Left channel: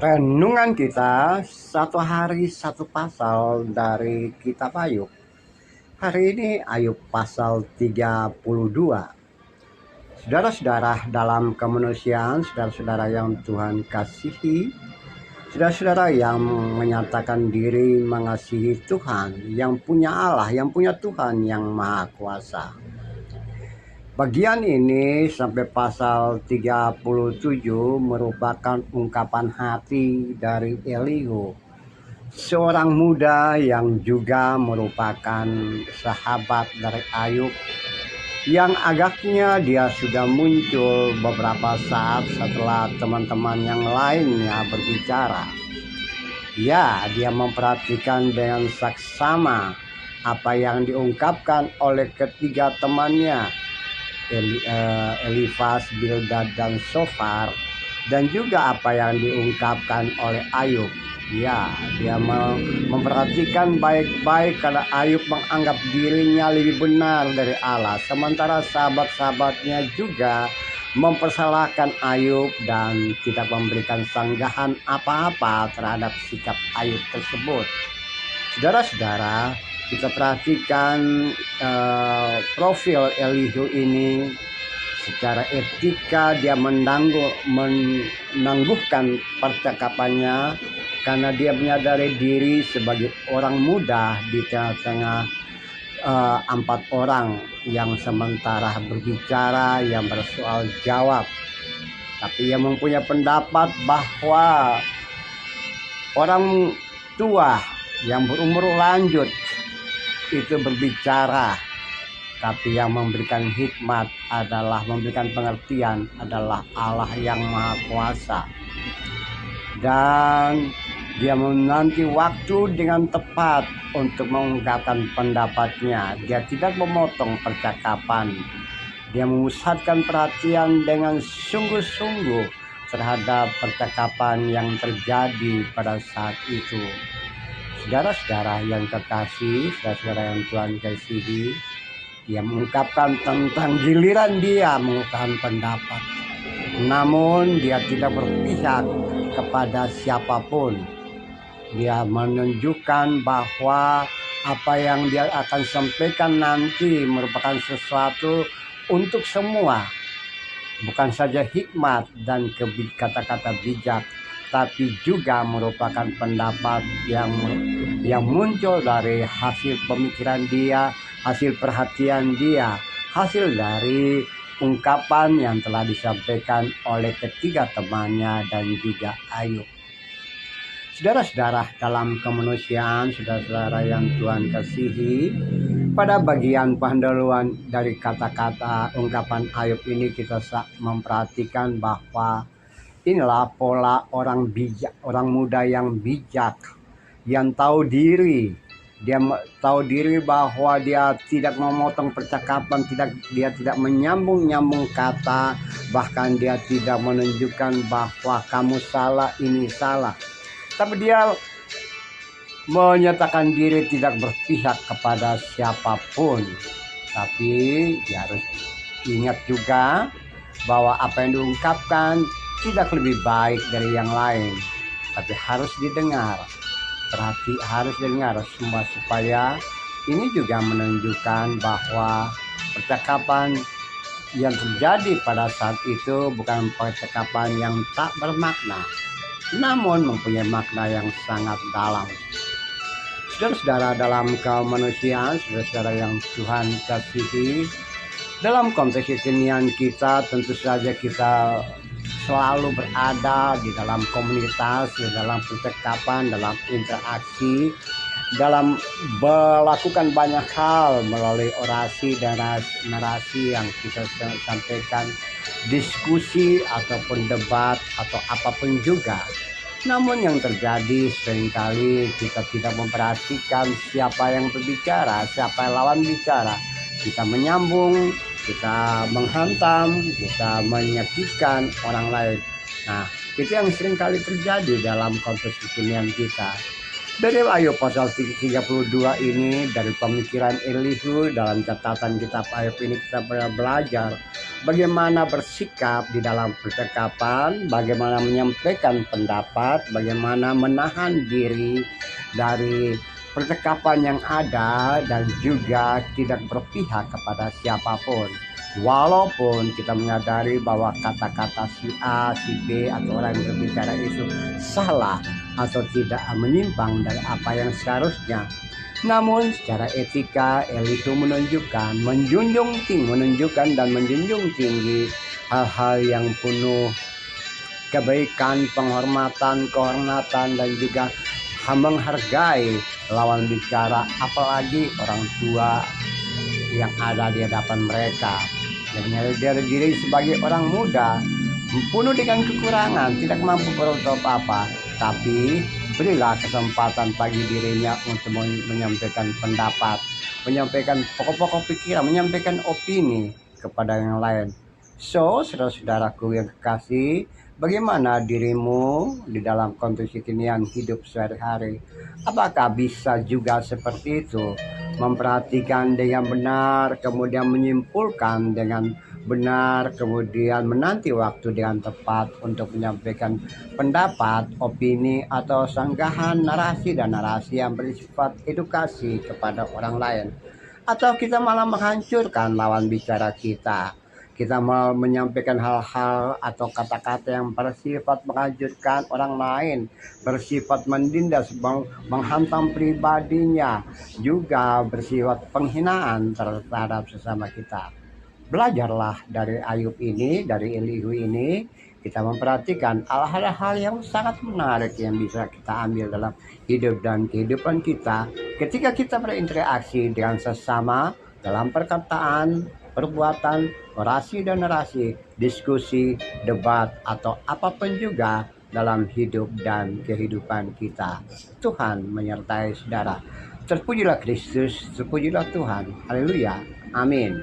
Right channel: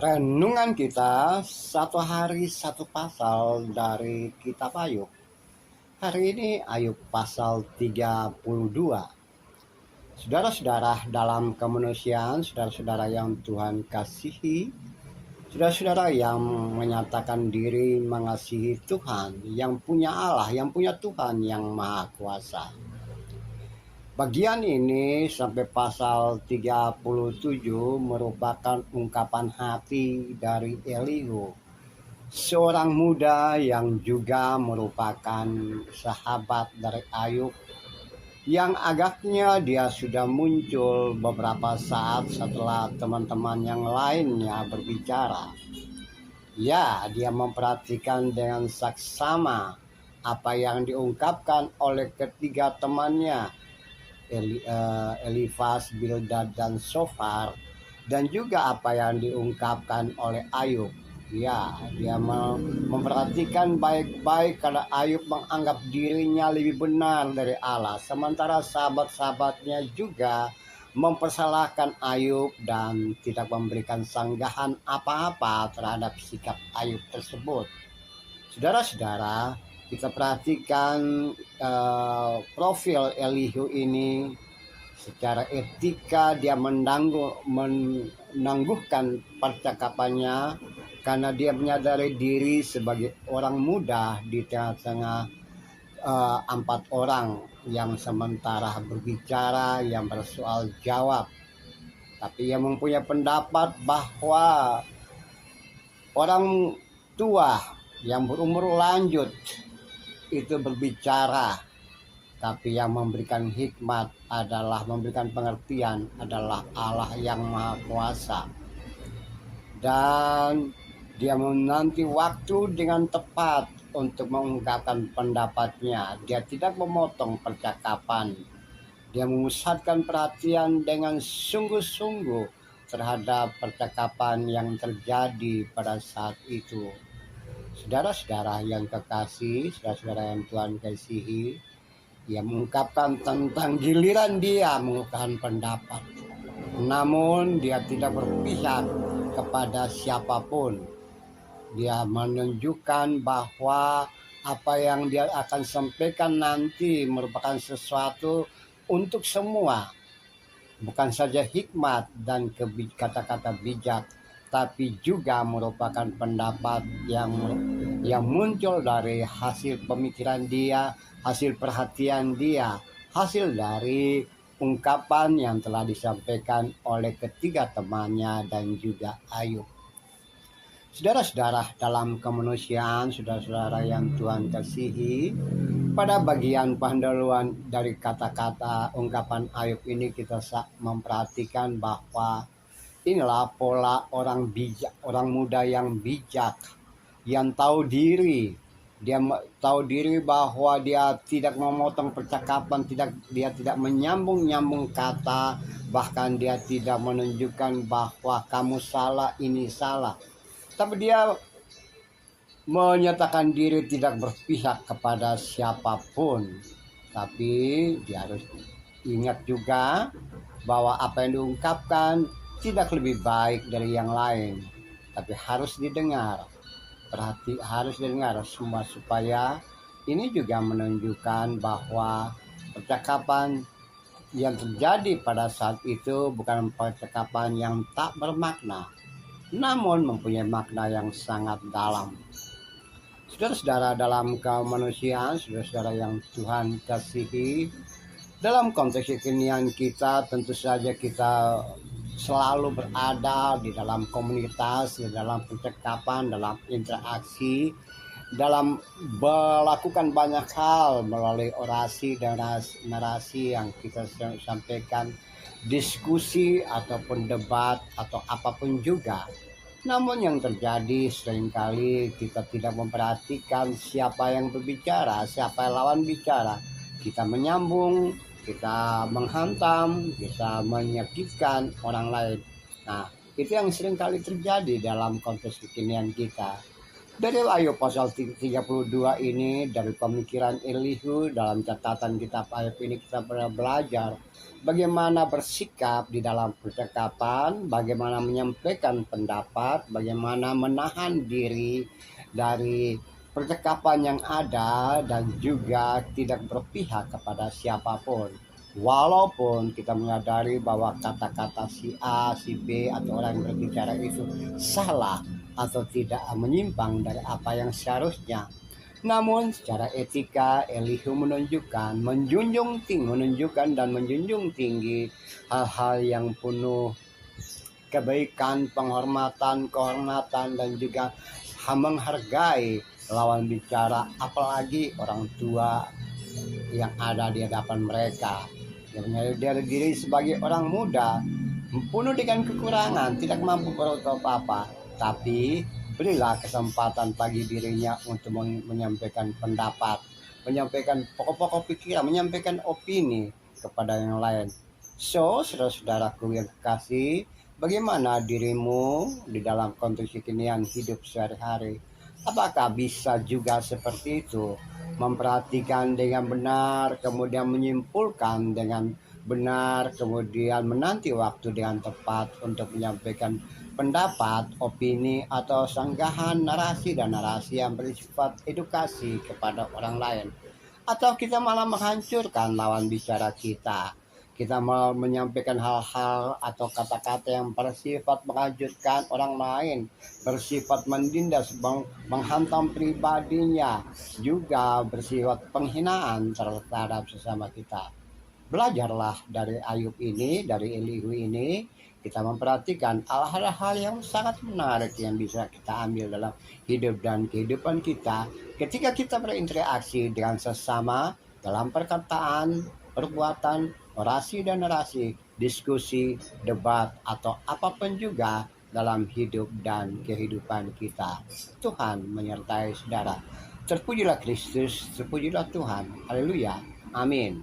Renungan kita satu hari satu pasal dari kitab Ayub. Hari ini Ayub pasal 32. Saudara-saudara dalam kemanusiaan, saudara-saudara yang Tuhan kasihi, saudara-saudara yang menyatakan diri mengasihi Tuhan, yang punya Allah, yang punya Tuhan yang Maha Kuasa. Bagian ini sampai pasal 37 merupakan ungkapan hati dari Elihu, seorang muda yang juga merupakan sahabat dari Ayub, yang agaknya dia sudah muncul beberapa saat setelah teman-teman yang lainnya berbicara. Ya, dia memperhatikan dengan saksama apa yang diungkapkan oleh ketiga temannya, Elifaz, Bildad, dan Sofar, dan juga apa yang diungkapkan oleh Ayub. Ya, dia memperhatikan baik-baik karena Ayub menganggap dirinya lebih benar dari Allah, sementara sahabat-sahabatnya juga mempersalahkan Ayub dan tidak memberikan sanggahan apa-apa terhadap sikap Ayub tersebut. Saudara-saudara, kita perhatikan profil Elihu ini. Secara etika dia menangguhkan percakapannya karena dia menyadari diri sebagai orang muda di tengah-tengah 4 orang yang sementara berbicara, yang bersoal jawab. Tapi ia mempunyai pendapat bahwa orang tua yang berumur lanjut itu berbicara, tapi yang memberikan hikmat adalah, memberikan pengertian adalah Allah yang Maha Kuasa. Dan dia menanti waktu dengan tepat untuk mengungkapkan pendapatnya. Dia tidak memotong percakapan. Dia memusatkan perhatian dengan sungguh-sungguh terhadap percakapan yang terjadi pada saat itu. Saudara-saudara yang kekasih, saudara-saudara yang Tuhan kasihi, dia mengungkapkan tentang giliran dia mengungkapkan pendapat. Namun dia tidak berpihak kepada siapapun. Dia menunjukkan bahwa apa yang dia akan sampaikan nanti merupakan sesuatu untuk semua. Bukan saja hikmat dan kata-kata bijak, tapi juga merupakan pendapat yang muncul dari hasil pemikiran dia, hasil perhatian dia, hasil dari ungkapan yang telah disampaikan oleh ketiga temannya dan juga Ayub. Saudara-saudara dalam kemanusiaan, saudara-saudara yang Tuhan kasihi, pada bagian pendahuluan dari kata-kata ungkapan Ayub ini kita memperhatikan bahwa inilah pola orang bijak, orang muda yang bijak, yang tahu diri. Dia tahu diri bahwa dia tidak memotong percakapan, dia tidak menyambung-nyambung kata, bahkan dia tidak menunjukkan bahwa kamu salah, ini salah. Tapi dia menyatakan diri tidak berpihak kepada siapapun. Tapi dia harus ingat juga bahwa apa yang diungkapkan tidak lebih baik dari yang lain, tapi harus didengar. Harus dengar semua, supaya ini juga menunjukkan bahwa percakapan yang terjadi pada saat itu bukan percakapan yang tak bermakna, namun mempunyai makna yang sangat dalam. Saudara-saudara dalam kemanusiaan, saudara-saudara yang Tuhan kasihi, dalam konteks kekinian kita tentu saja kita selalu berada di dalam komunitas, di dalam percakapan, dalam interaksi, dalam melakukan banyak hal melalui orasi dan narasi yang kita sampaikan, diskusi ataupun debat atau apapun juga. Namun yang terjadi seringkali kita tidak memperhatikan siapa yang berbicara, siapa yang lawan bicara. Kita menyambung, kita menghantam, kita menyakitkan orang lain. Nah, itu yang seringkali terjadi dalam konteks kekinian kita. Dari Ayub pasal 32 ini, dari pemikiran Elihu dalam catatan kitab Ayub ini kita belajar bagaimana bersikap di dalam percakapan, bagaimana menyampaikan pendapat, bagaimana menahan diri dari percakapan yang ada dan juga tidak berpihak kepada siapapun. Walaupun kita menyadari bahwa kata-kata si A, si B atau orang yang berbicara itu salah atau tidak menyimpang dari apa yang seharusnya. Namun secara etika Elihu menunjukkan, menunjukkan dan menjunjung tinggi hal-hal yang penuh kebaikan, penghormatan, kehormatan dan juga menghargai lawan bicara, apalagi orang tua yang ada di hadapan mereka. Dan menyadari diri sebagai orang muda, penuh dengan kekurangan, tidak mampu berbuat apa-apa, tapi berilah kesempatan bagi dirinya untuk menyampaikan pendapat, menyampaikan pokok-pokok pikiran, menyampaikan opini kepada yang lain. So, saudara-saudaraku yang kekasih, bagaimana dirimu di dalam kondisi kekinian hidup sehari-hari? Apakah bisa juga seperti itu? Memperhatikan dengan benar, kemudian menyimpulkan dengan benar, kemudian menanti waktu dengan tepat untuk menyampaikan pendapat, opini, atau sanggahan narasi dan narasi yang bersifat edukasi kepada orang lain. Atau kita malah menghancurkan lawan bicara kita. Kita mau menyampaikan hal-hal atau kata-kata yang bersifat menghancurkan orang lain, bersifat menindas, menghantam pribadinya, juga bersifat penghinaan terhadap sesama kita. Belajarlah dari Ayub ini, dari Elihu ini, kita memperhatikan hal-hal yang sangat menarik yang bisa kita ambil dalam hidup dan kehidupan kita ketika kita berinteraksi dengan sesama dalam perkataan, perbuatan, orasi dan narasi, diskusi, debat, atau apapun juga dalam hidup dan kehidupan kita. Tuhan menyertai saudara. Terpujilah Kristus, terpujilah Tuhan. Haleluya. Amin.